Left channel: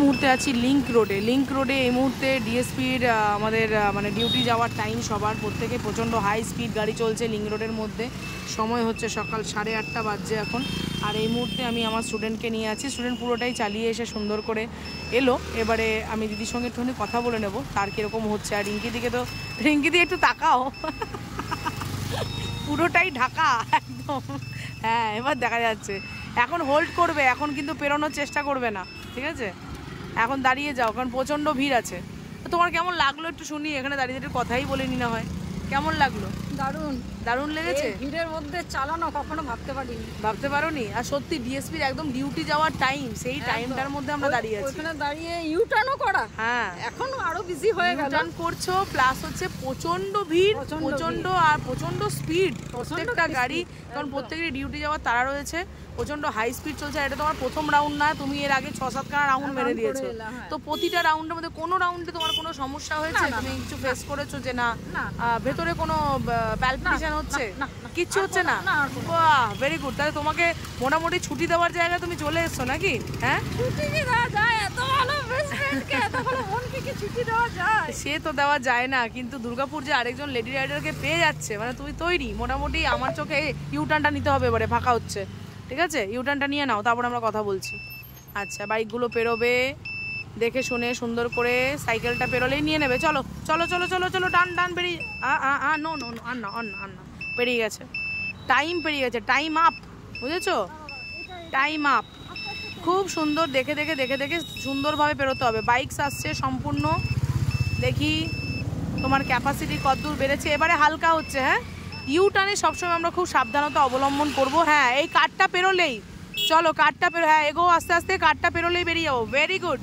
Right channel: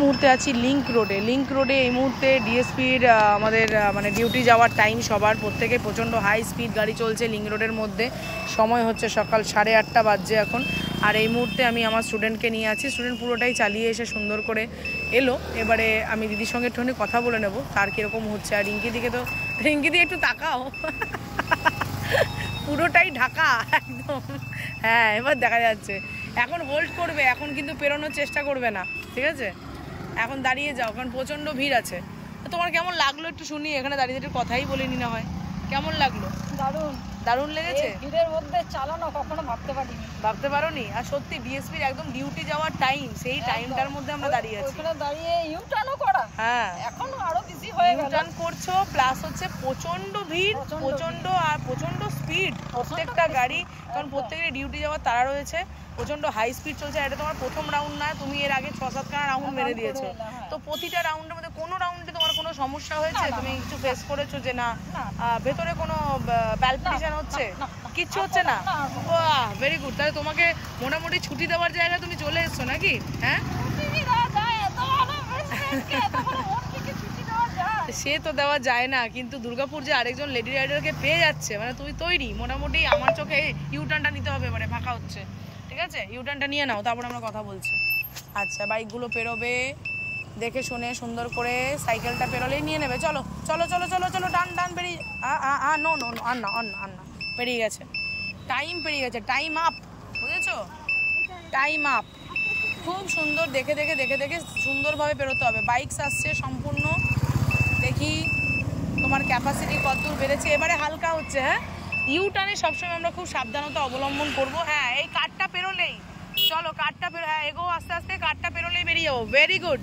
মুহূর্তে আছি লিংক রোডে এই মুহূর্তে ডিএসপির আমাদের মানে ডিউটি যাওয়ার টাইম সবার প্রত্যেকে প্রচণ্ড হাই স্পিড গাড়ি চলছে লিংক রোডের মধ্যে। সময় হচ্ছে সকাল 8:30 বাজছে এখন। আর এই মুহূর্তে আমি আমার স্টুডেন্টকে নিয়ে আছি, স্টুডেন্ট পুরোটাই চালিয়ে এসে সুন্দর করে এলো। এবারে আমি দিদির সঙ্গে একটুখানি কথা বলে নেব তার কীরকম হচ্ছে। আর রিঙ্কি দিকে একটু তাকাও পুরোটাই ঢাকা একদম। হ্যাঁ এবার দেখা যাচ্ছে। এখন হোল্ড করবে, এখন কিন্তু পেরোনোর চেষ্টা করবে না, ঠিক আছে? এখন দাঁড়িয়ে যাও কারণ প্রচণ্ড ভিড় আছে। তোমার কেমন লাগলো একটু শুনি, এখানে দাঁড়িয়ে একটু কথাই বলিনি না হয়। কেমন লাগলো? দারুণ লেগেছে। ভিড়ের মধ্যে চালানো কখনো ভাবতে পারোনি। আর সত্যি ডিএসপির একদম ডিউটি যাওয়ার টাইম, সেই টাইমটার মধ্যে আমরা দাঁড়িয়ে আছি। ওখানে দাঁড়িয়ে ইউটার্নও করা, হ্যাঁ এখন আরো বিজি হয়ে গেল। ইউটার্ন করছো প্লাস হচ্ছে প্রচণ্ড ভিড়, প্রচণ্ড স্পিড প্রত্যেকটা গাড়ি, কারণ প্রত্যেকেরই ডিউটি যাওয়ার তারা রয়েছে। প্রচণ্ড হাই স্পিড চলছে। এটা তোমার প্রথম রাউন্ড না, তুমি এর আগে 6-7 খানা রাউন্ড মেরে দিয়েছো। তো প্রতিটা রাউন্ডের মধ্যে কোনো রাউন্ডে তোমার কোনো সমস্যা হয়েছে? তুমি কিছু ফেস করেছো যে না ভেতরে কোনো প্যালপিটেশন হচ্ছে? কিচ্ছু হচ্ছে না? বাহ ভেরি গুড। তাহলে তোমাকে মোটামুটি ছুটি দেওয়ার জায়গায় তুমি চলে এসছো নাকি? হ্যাঁ সে তো দেওয়া যায় না, কিন্তু দুর্গাপুর যে আরেকজন লেডি রাইডারকে পেয়ে যাচ্ছে, মানে তুমি তৈরি মোটামুটি। আমার চোখে ইউটার্নটা নিতে হবে, এবারে ফাঁকা হচ্ছে, ঠিক আছে? ইউটার্নটা নিয়ে নাও, তারপর আমরা কথা বলছি। আচ্ছা বাইকগুলো পেরোবে দেখে শুনে সুন্দর করে, সাইকেলটা পেরোলেই নিয়ে নেবে। চলো চলো চলো চলো চলো ডান বেরিয়ে নো আর না পেরিয়ে গেছে, টাইম পেরিয়ে গেছে, টাইম আপ, বুঝেছো? Time up. খুব সুন্দর দেখে সুন্দরভাবে পেরোতে হবে। বাইকস আসছে সম্পূর্ণ, দেখি তোমার ক্যাপাসিটি কতদূর বেড়েছে। এবারে হালকা হচ্ছে, হ্যাঁ ইউটার্নে সবসময় আমরা খুব সাবধানতা অবলম্বন করব। হ্যাঁ এই কার্ডটা পেরোলেই, চলো কার্ডটা হ্যাঁ এগো আস্তে আস্তে, কার্ডটা পেরোলেই বেরিয়ে যাবো। ভেরি গুড,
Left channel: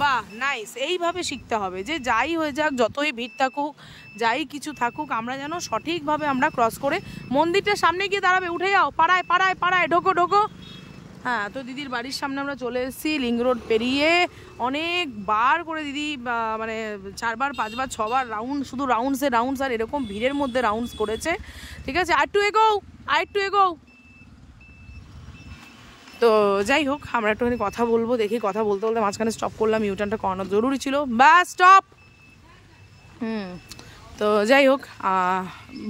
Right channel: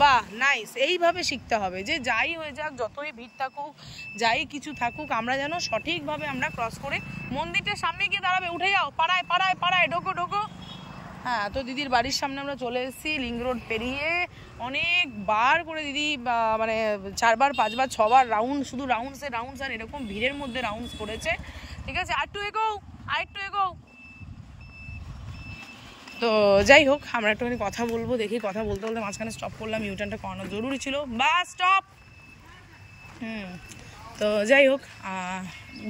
বাহ নাইস। এইভাবে শিখতে হবে যে যাই হয়ে যাক, যতই ভিড় থাকুক, যাই কিছু থাকুক, আমরা যেন সঠিকভাবে আমরা ক্রস করে মন্দিরটার সামনে গিয়ে দাঁড়াবে। উঠে যাও, পাড়ায় ঢোকো। হ্যাঁ তো দিদির বাড়ির সামনে আমরা চলে এসেছি। লিংক রোড পেরিয়ে অনেকবার করে দিদি মানে 4বার 5বার 6বার রাউন্ড, শুধু রাউন্ডস আর এরকম ভিড়ের মধ্যে রাউন্ডস করেছে, ঠিক আছে? আরেকটু এগো। তো যাই হোক, আমরা একটুখানি কথা বলবো। দেখি কথা বলতে মাঝখানে স্টপ করলাম, ইউটার্নটা করানো জরুরি ছিল। ব্যাস স্টপ। তো যাই হোক,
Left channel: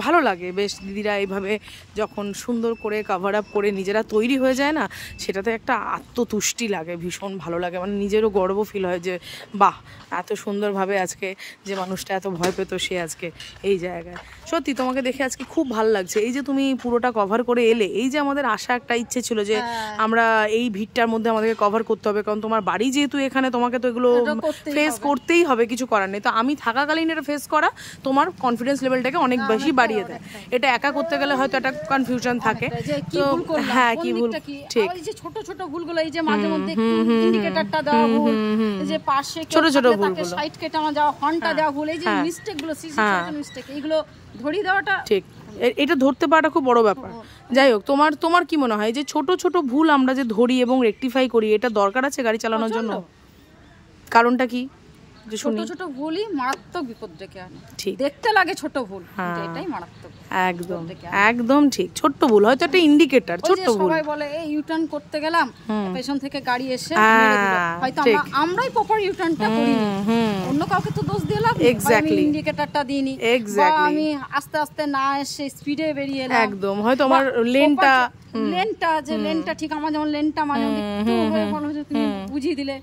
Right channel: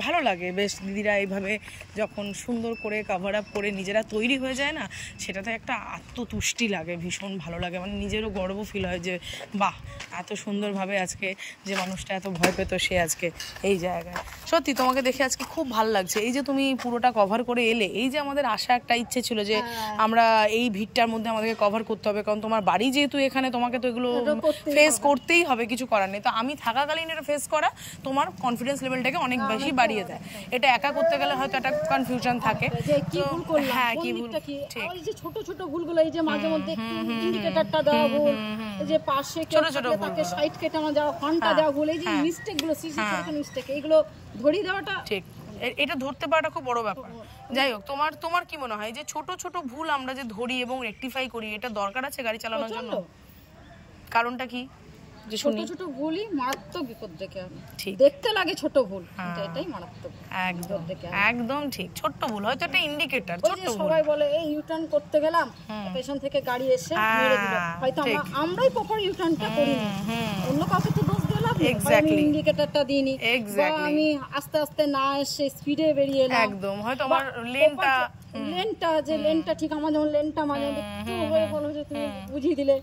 ভালো লাগে বেশ। দিদিরা এইভাবে যখন সুন্দর করে কভার আপ করে নিজেরা তৈরি হয়ে যায় না, সেটাতে একটা আত্মতুষ্টি লাগে, ভীষণ ভালো লাগে। মানে নিজেরও গর্ব ফিল হয় যে বাহ এত সুন্দরভাবে আজকে যে মানুষটা এত ভয় পেত সে আজকে এই জায়গায়। সত্যি তোমাকে দেখে আজকে খুব ভালো লাগছে। এই যে তুমি পুরোটা কভার করে এলে, এই যে আমাদের আশা একটা ইচ্ছে ছিল যে আমরা এই ভিড়টার মধ্যে আমাদেরকে কভার করতে হবে, কারণ তোমার বাড়ি যেহেতু এখানে, তোমাকে তো এগুলো ফেস করতেই হবে, কিছু করার নেই। তো আমি থাকাকালীন এটা ফেস করা তোমার কনফিডেন্স লেভেলটাকে অনেক বেশি বাড়িয়ে দেয়। এটা একা করতে গেলে হয়তো একটা কনফিউশন থাকে, হ্যাঁ কি ভুল, ঠিক ছোট ছোট ভুলগুলো, এই যে মাঝে মধ্যে ইন্ডিকেটরটা দেওয়া ভুল, যে পাশে ছোট ভুলগুলো, সাইড কেটে যাওয়া, হর্নটা দেওয়া ভুল, এই যে মিস্টেকগুলো, মিস্টেক, এইগুলো ধরিয়ে দেওয়াটা ঠিক। এটা ধরতে পারাটা খুব বড় ব্যাপার। যাই হোক, তোমার কি মনে হয় যে ছোট ছোট ভুল আমরা যে ধরি এবং রেকটিফাই করি, এটা দরকার আছে গাড়ি চালানোর জন্য? কারণটা কি? ছোট ভুলই মারাত্মক বিপদ ডেকে আনে। দেখতে লাগে ছোট ভুল, এটাই মারাত্মক। একদম ঠিক। ছোট ভুল হয়তো একটা ইন্ডিকেটর, ছোট ভুল। সবাই বলে এই ইউটার্ন করতে গেলাম, পেছন থেকে গাড়ি এসে মেরে দিল, হয়তো আমরাই প্রপার ইউটার্নটা করিনি, অন্য কাউকে তো দোষ দিয়ে লাভ নেই। আমি ইন্ডিকেটরটা দিইনি, বা আমি আস্তে আস্তে না এসে স্পিডে বেরিয়ে এলাম, একদম হয়তো আমার লেনটা ঠিক, আমার যেমন লেনটা মানে একটু ভালো হয়েছে, তুমি বুঝিয়ে দিলে।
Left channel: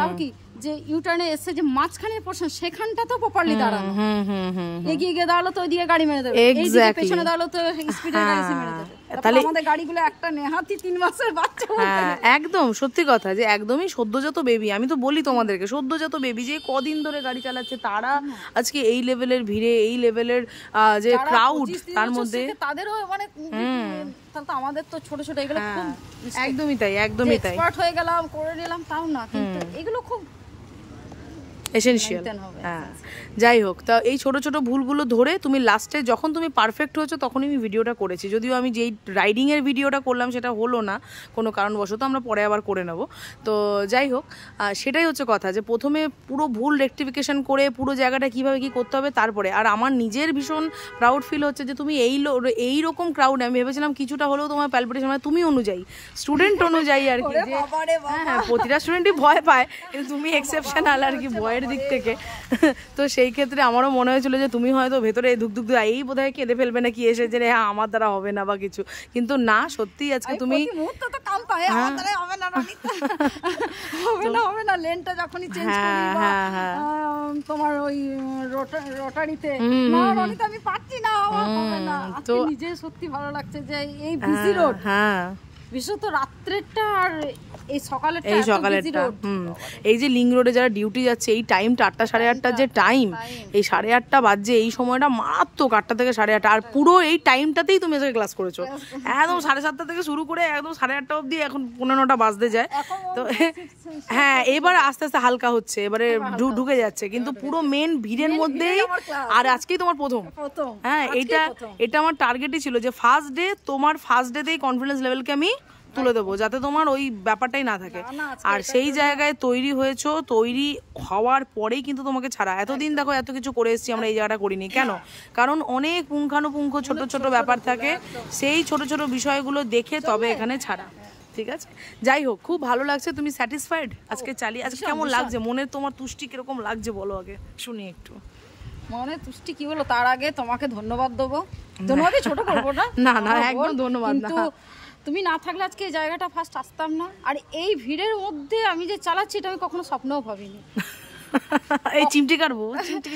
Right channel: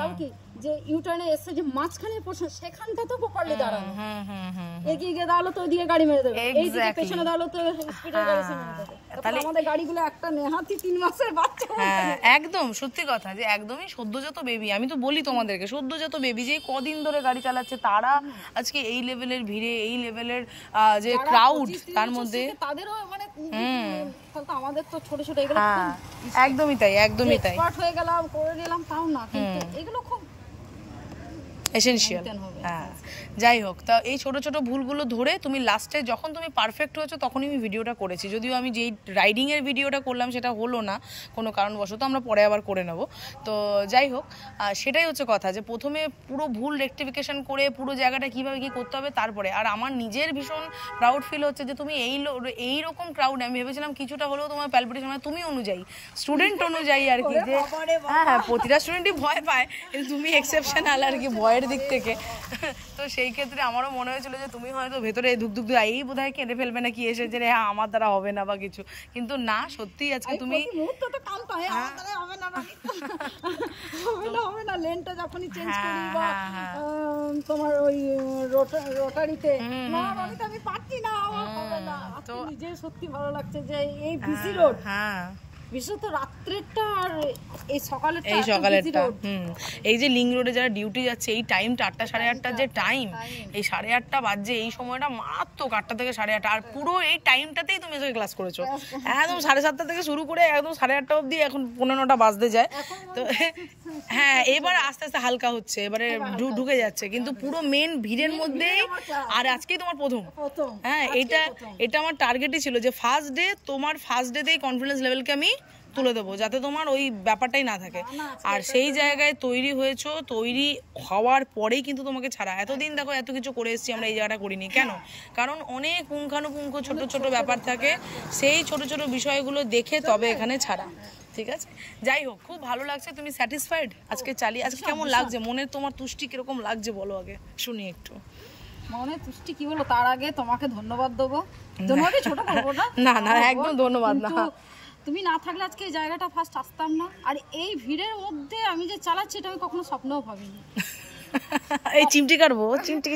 তাও কি যে ইউটার্নে এসে যে মাঝখানের পোর্শন, সেখানটা তো প্রপারলি দাঁড়ানো, এগিয়ে গিয়ে দাঁড়ালো তো ওইদিকে গাড়ি মেরে দেবে, এইদিকে পেছনে দাঁড়ালো তো স্পিডে গাড়ি মেরে দেবে। তাহলে আমাদের গাড়িগুলো একটা নেহাতি 3 মাসের বাচ্চা। হ্যাঁ একদম সত্যি কথা, যে একদমই সদ্যজাত বেবি। আমি তো বলি তোমাদেরকে, সদ্যজাত বেবি যে কদিন ধরে গাড়ি চালাচ্ছে, তারা আজকে এই লেভেলের ভিড়ে, এই লেভেলের যে ক্রাউড, তার মধ্যে তাদেরও মানে আমাদের তো ছোট ছোট এগুলো একদমই তাই, একদমই তাই। এক্সপার্ট হয়ে গেলাম, করে নিলাম, তাও না, কিন্তু এগুলো খুব এসেনশিয়াল। হ্যাঁ, যাই হোক, তা এই ছোট ছোট ভুলগুলো ধরে তুমি লাস্টে যখন তুমি পারফেক্ট হয়েছো তখনই আমি ভিডিওটা করেছি। যদিও আমি যেই রাইডিংয়ের ভিডিওটা করলাম সেটা হলো না কোনো কারণবশত, আমরা পরে আবার করে নেব। তো যাই হোক, সেটাই হচ্ছে কথা, যে প্রথমে পুরো ভুল রেকটিফিকেশন করে পুরো জায়গাটা কীভাবে কী করতে হবে তারপরে। আর আমার নিজের ভীষণ প্রাউড ফিল হচ্ছে যে তুমি এই রকম ক্রাউড, আমি ভেবেছিলাম কিছুটা হলেও তোমার প্যালপিটেশন হয়, তুমি অনুযায়ী স্টুডেন্ট অনুযায়ী আর কি, যে হ্যাঁ প্রতিটা স্টুডেন্টই ভয় পায়, কিন্তু তুমি এক্সেপশনাল আর কি ভয়ের দিক থেকে। তো সেই ক্ষেত্রে আমারও মনে হয়েছিল যে তুমি হয়তো ভেতরে ধুকধুক এই বোধ হয় কেঁদে ফেলবে না কি এসে, যে হ্যাঁ আমার দ্বারা হবে না বা কিছু, কিন্তু না, সত্যি আজকে তুমি লেনটা যখনই চেঞ্জ করি তোমার ওই রোটারিতে আমি পাচ্ছি না, তো নিজে সত্যি ভালো লাগছে যে এই বিজি রোড, বিশেষত রাত্রেরটা আর এই সকালেরটা এই যে লিঙ্ক রোডে যারা ডিউটি যাচ্ছে এই টাইমটা 8টা 8:30 যে টাইম, এই 8:30 বাজে, এই সময়টা মারাত্মক, 8টা থেকে 8:30, আর পুরো এই টাইমটাতেই তুমি আজকে ক্লাস করেছো, একদম 7:30 থেকে শুরু করে একদম 8:30 অবধি, এখন 9:45 বাজতে যায়। তো হ্যাঁ, এবার আস্তে আস্তে হালকা হচ্ছে, এবারে ঢুকে যাচ্ছে, কিন্তু পুরো মেন ভিড়ের মধ্যেই। আর আজকেই তোমার প্রথম, হ্যাঁ এটা আমার টার্গেটই ছিল যে তোমার ফার্স্ট ডেতেই কনফিডেন্স লেভেলকে আমি তুলে দেবো, যাতে তোমার ওই ব্যাপারটাই না থাকে। আর সেই জায়গায় তৈরি হয়েছো, তৈরি হওয়ার পরেই কিন্তু তোমাকে ছাড়া। এতদিন দেখো এত কিছু করে এসেছি আমরা, এই জায়গাটা করিনি কেন? কারণ অনেক পুঙ্খানুপুঙ্খ ছোট ছোট ব্যাপার থাকে, সেই ছোট ছোট বিষয়গুলো দেখে তবে এখানে ছাড়া। ঠিক আছে, যাই হোক, খুব ভালো লাগছে। তুমি স্যাটিসফাইড আজকে চালিয়ে? আজকে কেমন লাগছে? মনের তোমার তুষ্টি কিরকম লাগছে বলো আগে, শুনি একটু। মনে তুষ্টি কি বলো, তার আগে তোমাকে ধন্যবাদ দেবো। ধন্যবাদই ছোট করবো না, না একদম ধন্যবাদ না। তুমি না থাকলে আজকে এই জায়গাটা ফার্স্ট আসতাম না। আর এই ভিড়ের মধ্যে আমি যে চালাচ্ছি এটা আমি কখনো স্বপ্নেও ভাবিনি। এই চিমটি কাটবো, চিমটি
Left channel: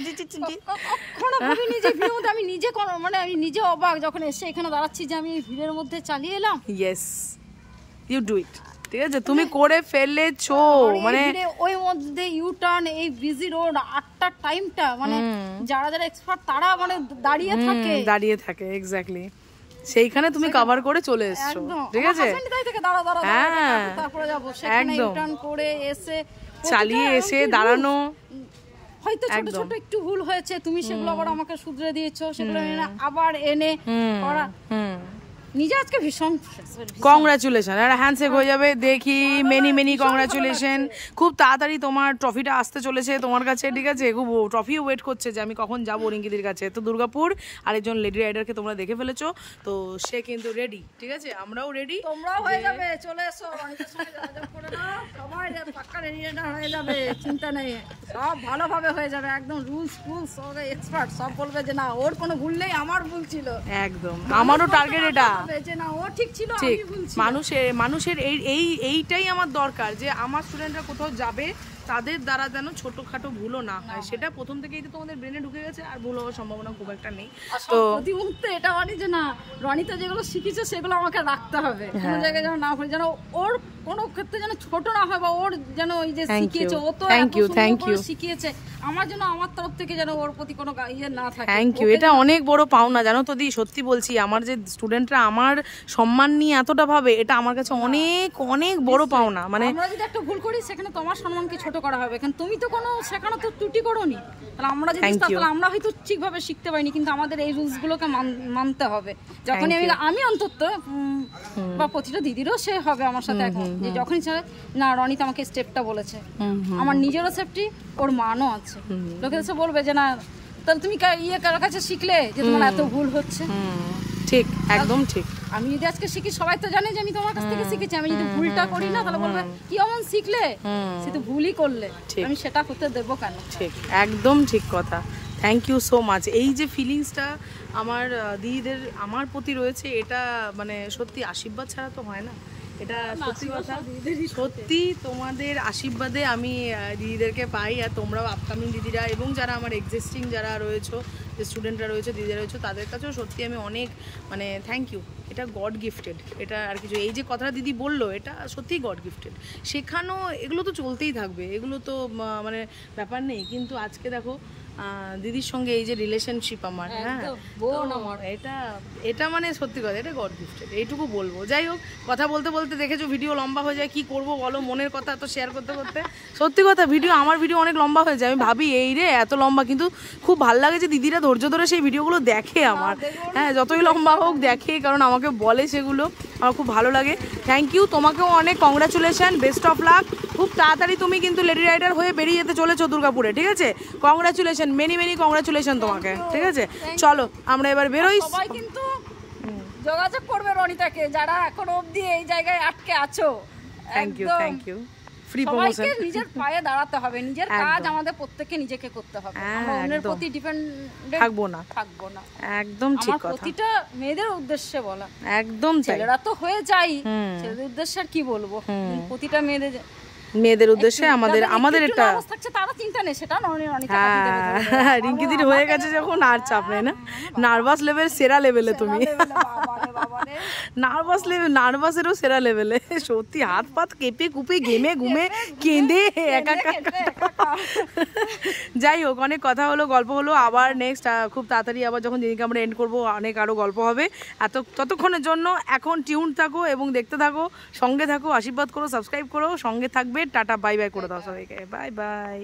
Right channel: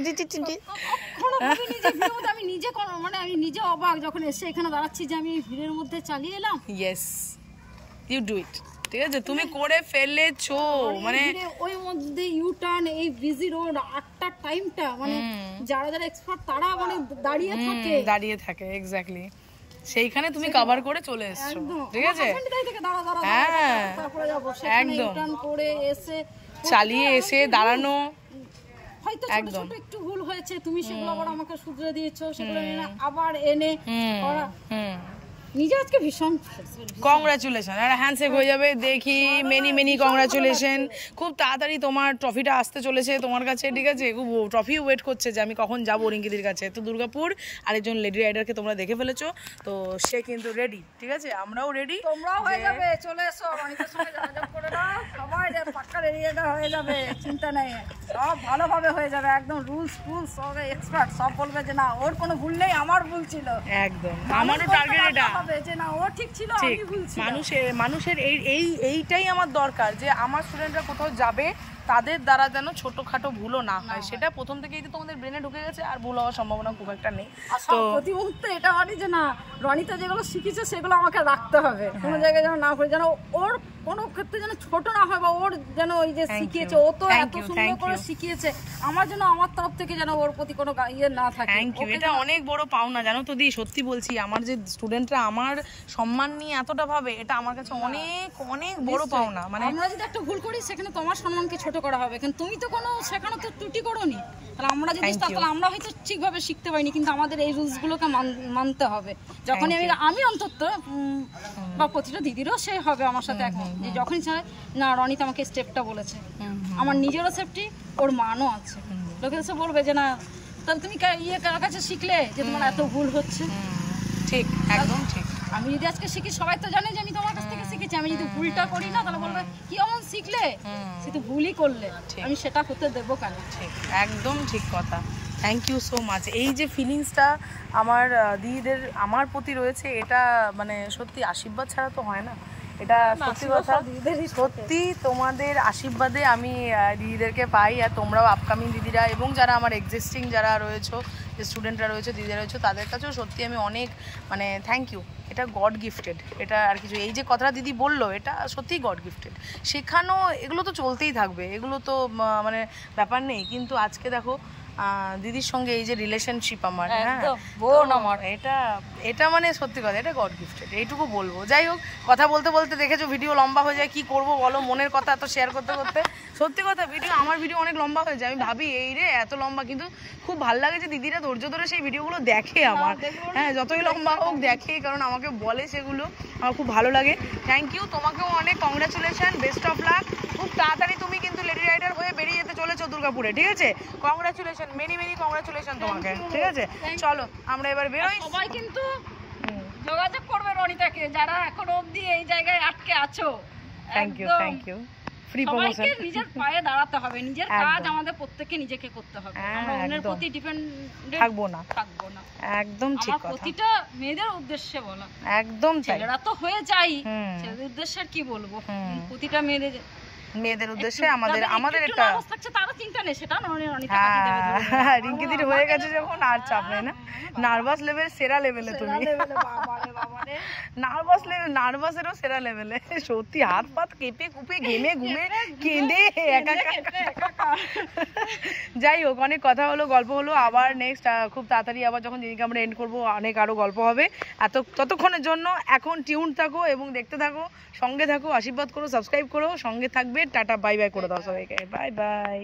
কখনো ভাবিনি যে ভিড়ের মধ্যে আমি নিজে, মানে আমি নিজে অবাক যখন এসে এখানে দাঁড়াচ্ছি যে আমি এই ভিড়ের মধ্যে চালিয়ে এলাম। Yes, you do it. ঠিক আছে, তুমি করে ফেলেছো, মানে ওই মধ্যে ইউ টার্ন, এই বিজি রোড, 8টার টাইমটা, মানে যারা যারা এক্সপার্ট তারা মানে দাঁড়িয়ে থাকে এক্স্যাক্টলি, সেইখানে তুমি কভার করে চলে এসছো। ঠিক আছে, হ্যাঁ একদম চালিয়ে এসে দাঁড়ানো, হয়তো ছোট ছোট একটু ভুল হয়েছে, তুমি সেগুলো আবার আমাকে শুধরে দিয়েছো, সেগুলো আবার এনে করা। নিজে আজকে ভীষণ কংগ্রাচুলেশন, আর হ্যান্ডশেক হয়ে যাবে দেখি, মেনি কংগ্রাচুলেশন। খুব তাড়াতাড়ি তোমার ট্রফিটা আসতে চলেছে তোমার কাছে। ঠিক আছে, খুব ট্রফি ওয়েট করছে যে আমি কখন যাবো রিঙ্কিদির কাছে। তো দুর্গাপুর আরেকজন লেডি রাইডারকে তোমরা দেখে ফেলেছো, তো সে কিন্তু রেডি। ঠিক আছে, আমরাও রেডি, তোমরাও হয়ে যাবে, চলে এসো, রনিতার সঙ্গে যোগাযোগ করে নাও, সবাই পাক্কা রেডি রাইডার হয়ে যাবে, চিন্তা নেই, সব ভালোভাবে হয়ে যাবে, একদম রুলস সব এক্সপার্ট, সব বলবে যে না ওর কোনো ভুল নেই, আমার ভুল ছিল। একদম, আমারও টার্গেট এটা, যে না ও ঠিক ছিল, আমি ভুল ছিল। মানুষের এইটাই আমার দরকার, যে আমার স্টুডেন্টরা কোথাও যাবে তাদের দ্বারা যেন ছোটখাটো ভুলও না হয়, সেটা প্রথম থেকেই তো তোমাদের ব্রেনে ঢুকে গেছে, আর ভুল হওয়ার সম্ভাবনা খুব একটা নেই। তো প্রতি মুহূর্তে এটা মানে যে না রনিতা যেগুলো শিখেছে সেগুলো আমাকে রাখতে হবে, কোনো জায়গায় যেন না হয়, যেন ওর কোনো ক্ষেত্রে যেন ছোট না হয়, বা ওর যেন ওই যে শিখিয়েছে, ও তো এত সুন্দর করে শিখিয়েছে, আমার জন্য আমার তরফ থেকে যেন ওর প্রতি কোনো ইয়ে না থাকে। থ্যাংক ইউ, এটা অনেক বড় পাওনা জানো তো দি, সত্যি বলছি, আমার যে স্টুডেন্টরা আমার সম্মান নিয়ে এতটা ভাবে, এটা আমার কাছে অনেক বড় পাওনা। মানে আমরা যদি একটা ভুল করি সেখানে তোমার সম্মানকে ছোট করা হবে, কারণ তুমি তো কোনো সেখানে তো ত্রুটি করোনি, তাহলে আমরা যদি তাহলে আমরা হয়তো ঠিকভাবে শিখতে পারিনি, কিন্তু আমাদের এই রুলসগুলোকে মানতে হবে। যখনই আমি অন্তত বা প্রতিটা দিদিরও সে হবে আমার সাথে এখন, যে যখনই চায় না রনিতা আমাকে স্টেপটা বলেছে, আমার নিজেরও সেফটি, ওর মানও আছে, লোকে এসে বলবে যে না তাহলে তুমি কার কাছে শিখলে যে তোমার এত ভুল হচ্ছে। ঠিক, একদম ঠিক। আমি যদি আজকে শিখি, সবাই তো জানে যে আমি তোমার কাছ থেকে শিখেছি, আমি যদি ভুলটা করি না তাহলে বলবে কি এমন শিখলে, সে তো ভুলই করলে, আমি সেটা হতে দেবো কেন। ঠিক, একদম ঠিক কথা। Thank you so much. এই যে ফিলিংসটা আমার দিদিদের আমার প্রতি রয়েছে, এটা মানে সত্যি আশীর্বাদ ছাড়া তো হয় না, এটা সত্যি কথা। সত্যি তোমাদের আশীর্বাদে আমি দিদিদেরকে পাই, আর তোমরাও আপকামিং দিদিরা এবং যারা আমার এক্সিস্টিং যারা রয়েছে, যে স্টুডেন্টরা রয়েছে, দিদিরা রয়েছে, তাদের কাছেও সত্যি আমি অনেক মানে থ্যাংক ইউ। এটা গড গিফটেড, এটা আর কিছু। এই যে কথাটা দিদি বললো, এটা সত্যিই গড গিফটেড। শেখানো এগুলো তো চলতেই থাকবে, এগুলো তো মানে ব্যাপার নেই, কিন্তু আজকে দেখো দিদির সঙ্গে এই যে রিলেশনশিপ আমার, হ্যাঁ এটা মানে সত্যি কথা, এটা গড গিফটেড, এইটুকু বলবো। যাই হোক, কথা বলতে বলতে দেখেছো ভিডিও লম্বা হয়ে যায়, কি করব বলো, মনের কথা এত শেয়ার করতে করতে। সত্যি কথা, আমার ভিডিও অনেক লম্বা হয়ে যায়, আমি ভাবি এই রে এত লম্বা, কিন্তু খুব ভালো লাগে যে দিদিরা ধৈর্য ধরে সেই ভিডিওগুলো দেখে আমার, হ্যাঁ যতই লম্বা হোক দেখে, কারণ আমাকে বলে সেগুলো, আমার খুব ভালো লাগে। থ্যাংক ইউ, তোমাকেও অনেক কংগ্রাচুলেশন, বেস্ট অফ লাক। খুব তাড়াতাড়ি তুমি কিন্তু লেডি রাইডার হয়ে বেরিয়ে যেতে চলেছো দুর্গাপুরে, ঠিক আছে? কংগ্রাচুলেশন, মেনি কংগ্রাচুলেশন তোমাকে, ঠিক আছে? চলো আমরা এবার বেরোই। সবাই কিন্তু যোগাযোগ করবে রনিতাকে, যারা এখন অবধি এই জায়গায় আটকে আছো। Thank you free promotion. নিজের পায়ে দাঁড়াতে হবে, নিজের কাজ আমাদের প্রত্যেককে নিজেকে করতে হবে, আমরা অন্যের প্রতি ডিপেন্ডেন্ট থাকবো না। একদম ঠিক কথা, প্রতিটা মেয়েদের উদ্দেশ্যে বলা, একদম ছেলেরা তো হয়ে যাই, ছেলেদের উদ্দেশ্যে কি বলবো, প্রতিটা মেয়েদের উদ্দেশ্যে আমাদের একটা তারা চিন্তা নেই, সেটা রিঙ্কি দিদি হয়ে গেছে যখন আর চাপ নেই না। নার্ভাস লেভেল সেরা লেভেলে, তুমি নার্ভাসেরও সেরা লেভেলে, সত্যি হাত পাত কেঁপে কুপে ঘেমে ঘুমে কেঁদে একা। যাই হোক, অনেক কথা হলো, গল্প হলো, আবার নেক্সট খুব তাড়াতাড়ি আবার যখন দিদিকে আমরা এন্ড করবো, অনেক আরো গল্প হবে। ততক্ষণের জন্য এখন টিউন থাকো এবং দেখতে থাকো, সঙ্গে থাকো, আশীর্বাদ করো, সাবস্ক্রাইব করো, সঙ্গে থাকবে। টাটা বাই বাই করে দাও সবাইকে, বাই বাই।